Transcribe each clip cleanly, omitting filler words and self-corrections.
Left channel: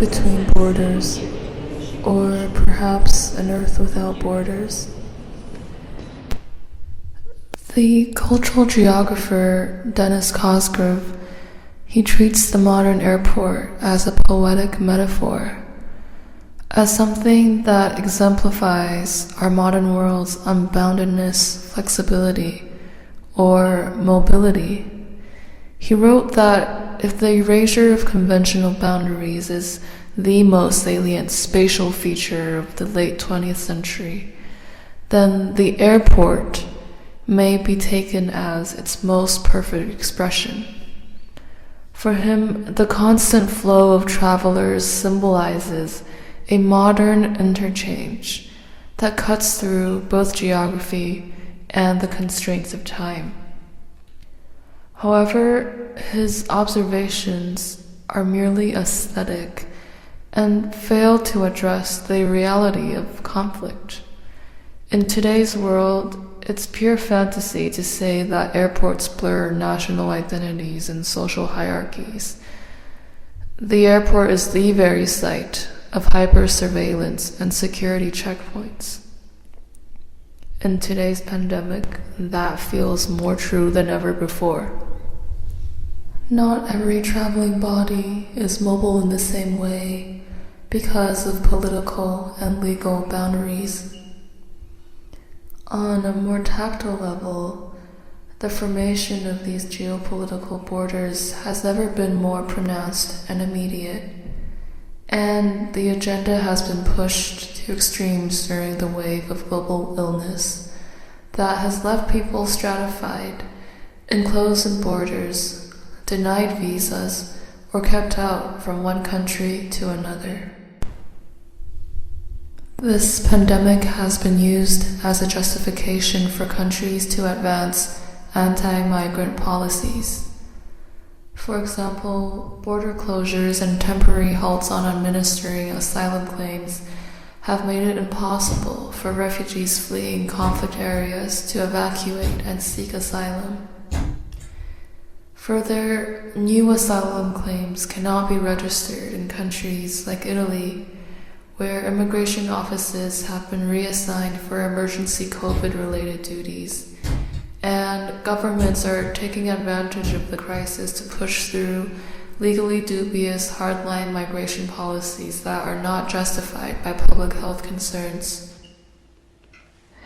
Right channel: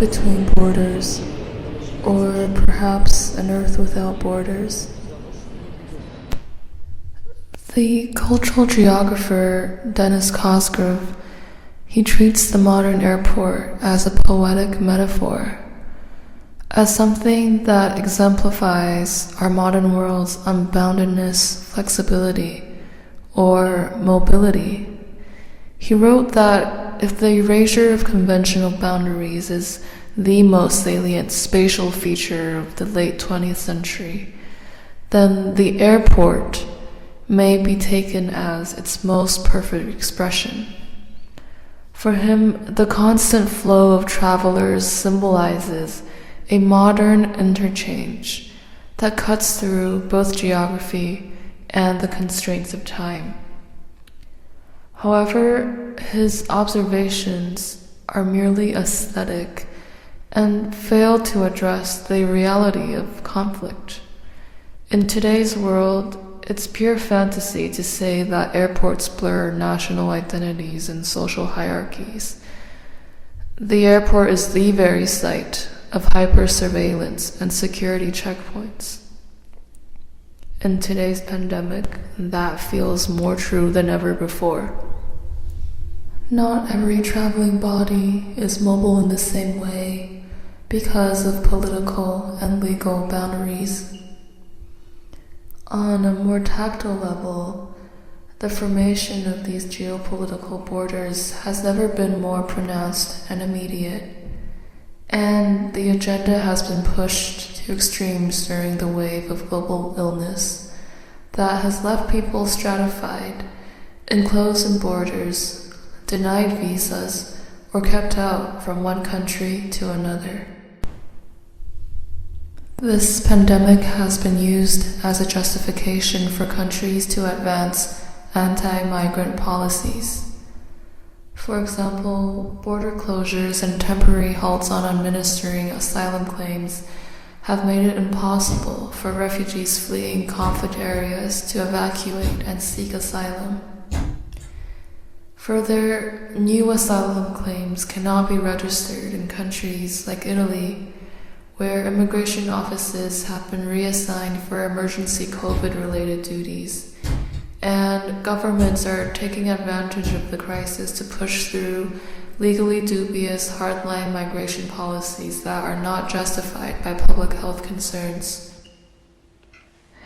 between borders, or perhaps an Earth without borders. The cultural geographer Dennis Cosgrove, he treats the modern airport as a poetic metaphor, as something that exemplifies our modern world's unboundedness, flexibility, or mobility. He wrote that if the erasure of conventional boundaries is the most salient spatial feature of the late 20th century, then the airport may be taken as its most perfect expression. For him, the constant flow of travelers symbolizes a modern interchange that cuts through both geography and the constraints of time. However, his observations are merely aesthetic and fail to address the reality of conflict. In today's world, it's pure fantasy to say that airports blur national identities and social hierarchies. The airport is the very site of hyper-surveillance and security checkpoints. In today's pandemic, that feels more true than ever before. Not every traveling body is mobile in the same way because of political and legal boundaries. On a more tactile level, the formation of these geopolitical borders has never been more pronounced and immediate, and the agenda has been pushed to extremes during the wave of global illness that has left people stratified, enclosed in borders, denied visas, or kept out from one country to another. This pandemic has been used as a justification for countries to advance anti-migrant policies. For example, border closures and temporary halts on administering asylum claims have made it impossible for refugees fleeing conflict areas to evacuate and seek asylum. Further, new asylum claims cannot be registered in countries like Italy, where immigration offices have been reassigned for emergency COVID-related duties, and governments are taking advantage of the crisis to push through legally dubious hardline migration policies that are not justified by public health concerns.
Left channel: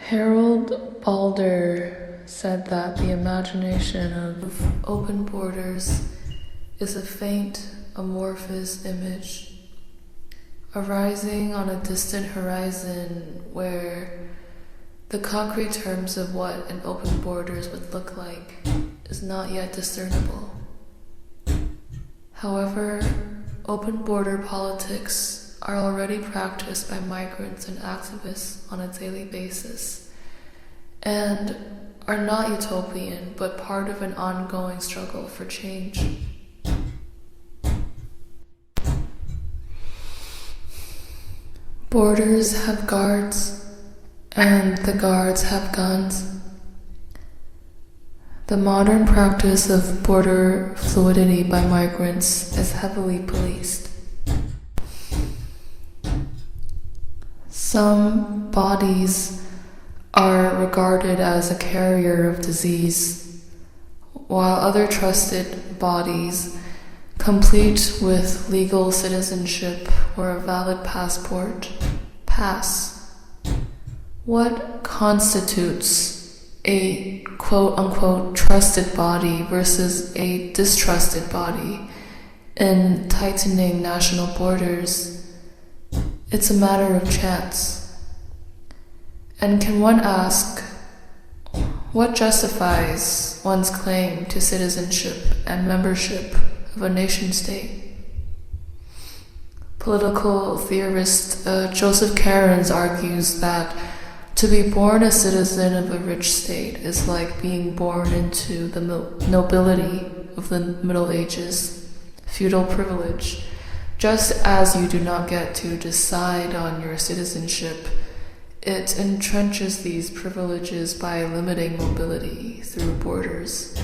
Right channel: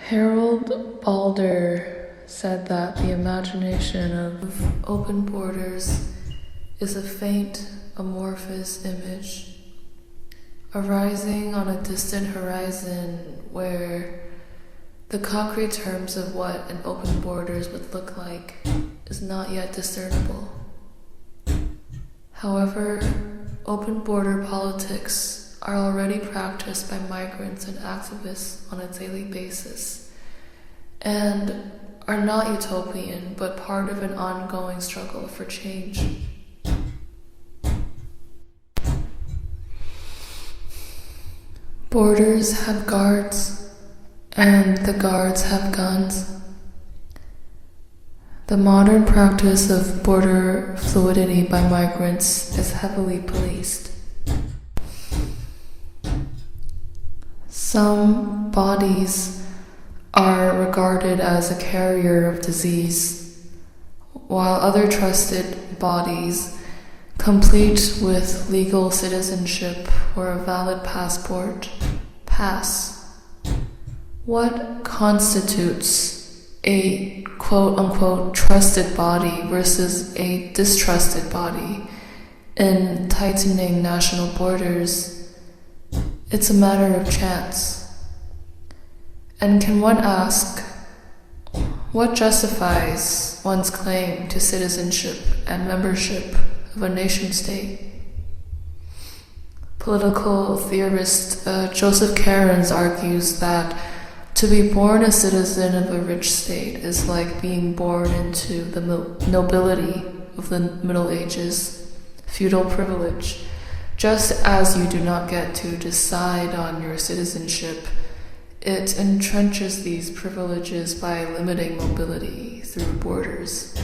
Harold Balder said that the imagination of open borders is a faint, amorphous image arising on a distant horizon where the concrete terms of what an open borders would look like is not yet discernible. However, open border politics are already practiced by migrants and activists on a daily basis, and are not utopian, but part of an ongoing struggle for change. Borders have guards, and the guards have guns. The modern practice of border fluidity by migrants is heavily policed. Some bodies are regarded as a carrier of disease, while other trusted bodies, complete with legal citizenship or a valid passport, pass. What constitutes a quote-unquote trusted body versus a distrusted body in tightening national borders? It's a matter of chance. And can one ask, what justifies one's claim to citizenship and membership of a nation-state? Political theorist Joseph Cairns argues that to be born a citizen of a rich state is like being born into the nobility of the Middle Ages, feudal privilege. Just as you do not get to decide on your citizenship, it entrenches these privileges by limiting mobility through borders.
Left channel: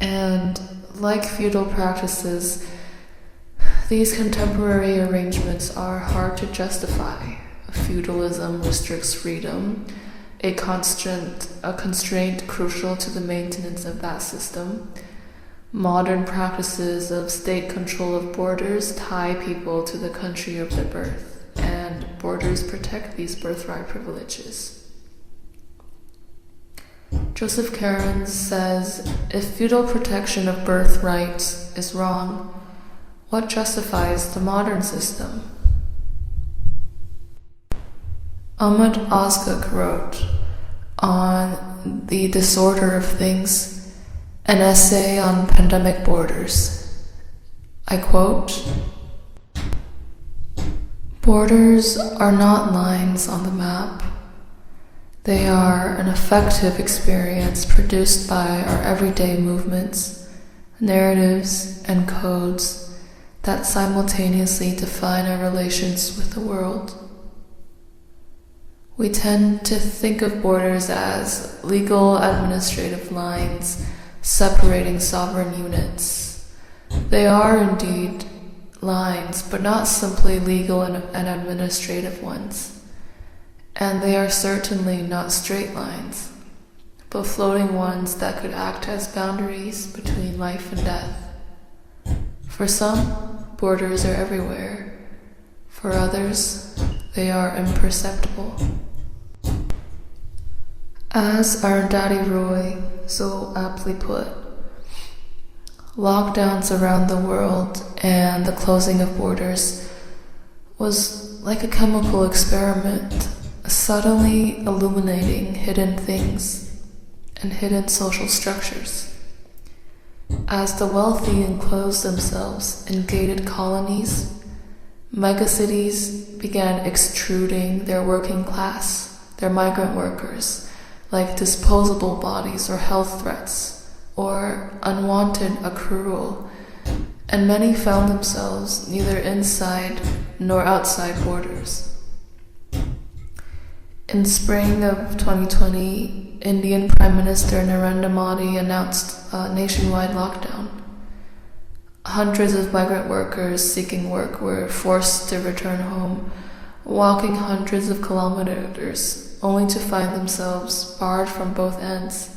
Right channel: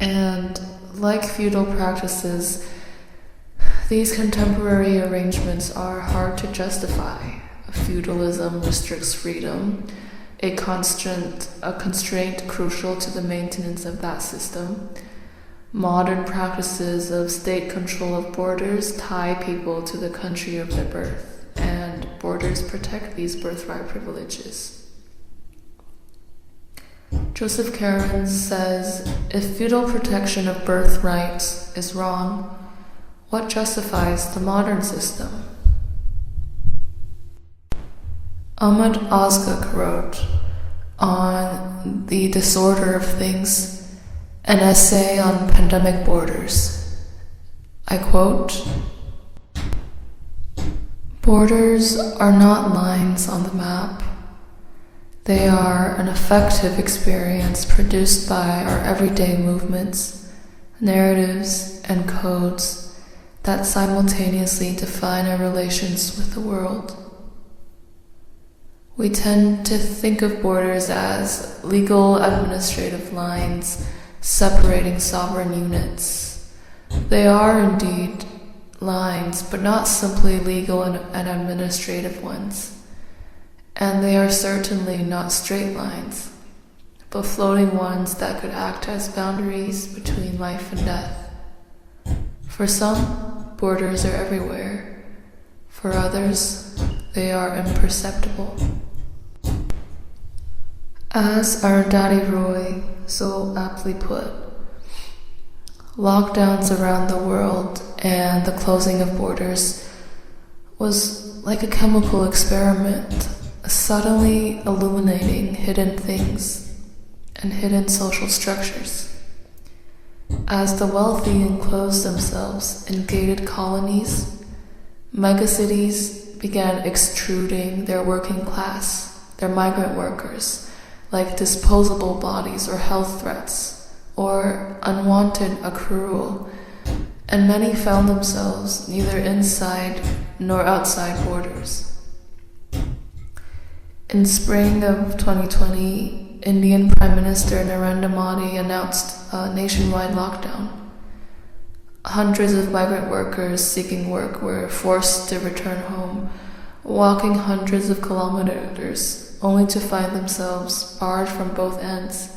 And like feudal practices, These contemporary arrangements are hard to justify. Feudalism restricts freedom, a constraint crucial to the maintenance of that system. Modern practices of state control of borders tie people to the country of their birth, and borders protect these birthright privileges. Joseph Caron says, if feudal protection of birthrights is wrong, what justifies the modern system? Ahmed Ozguk wrote on The Disorder of Things, an essay on pandemic borders. I quote, "Borders are not lines on the map. They are an affective experience produced by our everyday movements, narratives, and codes that simultaneously define our relations with the world. We tend to think of borders as legal administrative lines separating sovereign units. They are indeed lines, but not simply legal and administrative ones. And they are certainly not straight lines, but floating ones that could act as boundaries between life and death. For some, borders are everywhere. For others, they are imperceptible." As Arundhati Roy so aptly put, lockdowns around the world and the closing of borders was like a chemical experiment, subtly illuminating hidden things and hidden social structures. As the wealthy enclosed themselves in gated colonies, megacities began extruding their working class, their migrant workers, like disposable bodies or health threats, or unwanted accrual, and many found themselves neither inside nor outside borders. In spring of 2020, Indian Prime Minister Narendra Modi announced a nationwide lockdown. Hundreds of migrant workers seeking work were forced to return home, walking hundreds of kilometers, only to find themselves barred from both ends.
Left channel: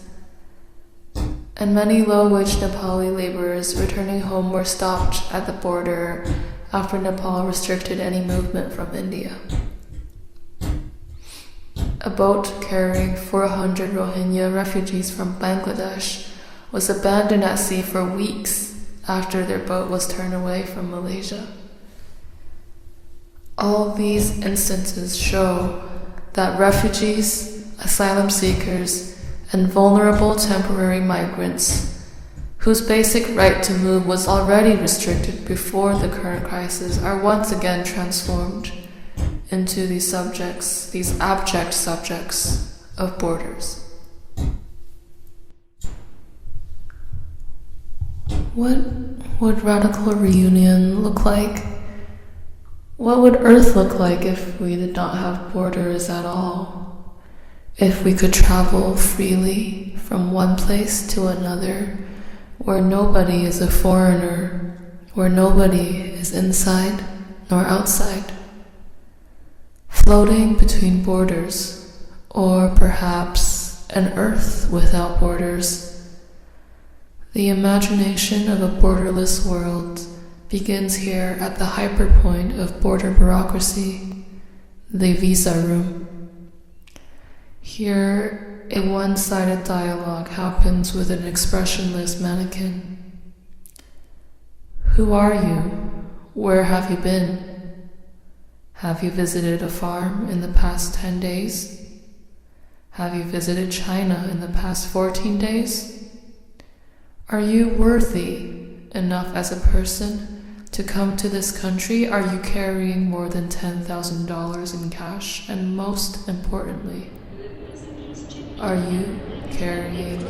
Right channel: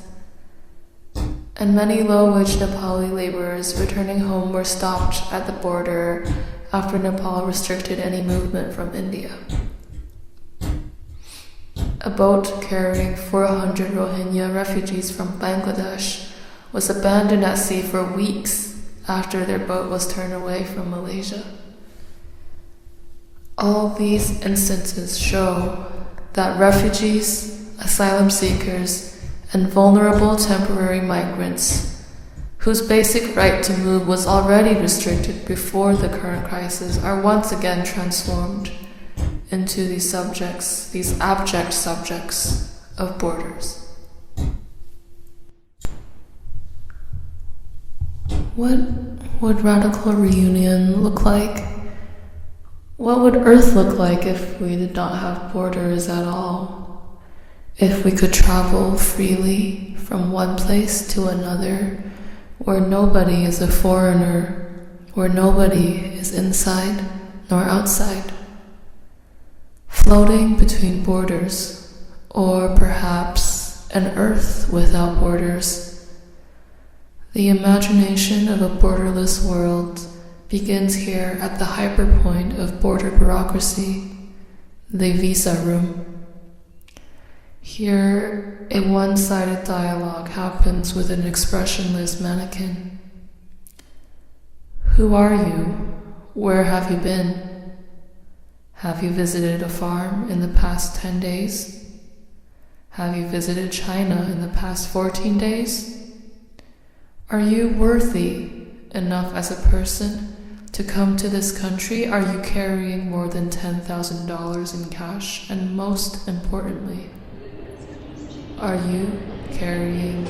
And many low-wage Nepali laborers returning home were stopped at the border after Nepal restricted any movement from India. A boat carrying 400 Rohingya refugees from Bangladesh was abandoned at sea for weeks after their boat was turned away from Malaysia. All these instances show that refugees, asylum seekers, and vulnerable temporary migrants, whose basic right to move was already restricted before the current crisis, are once again transformed into these abject subjects of borders. What would radical reunion look like? What would Earth look like if we did not have borders at all? If we could travel freely from one place to another, where nobody is a foreigner, where nobody is inside nor outside? Floating between borders, or perhaps an Earth without borders. The imagination of a borderless world begins here at the hyperpoint of border bureaucracy, the visa room. Here, a one-sided dialogue happens with an expressionless mannequin. Who are you? Where have you been? Have you visited a farm in the past 10 days? Have you visited China in the past 14 days? Are you worthy enough as a person to come to this country? Are you carrying more than $10,000 in cash? And most importantly, are you carrying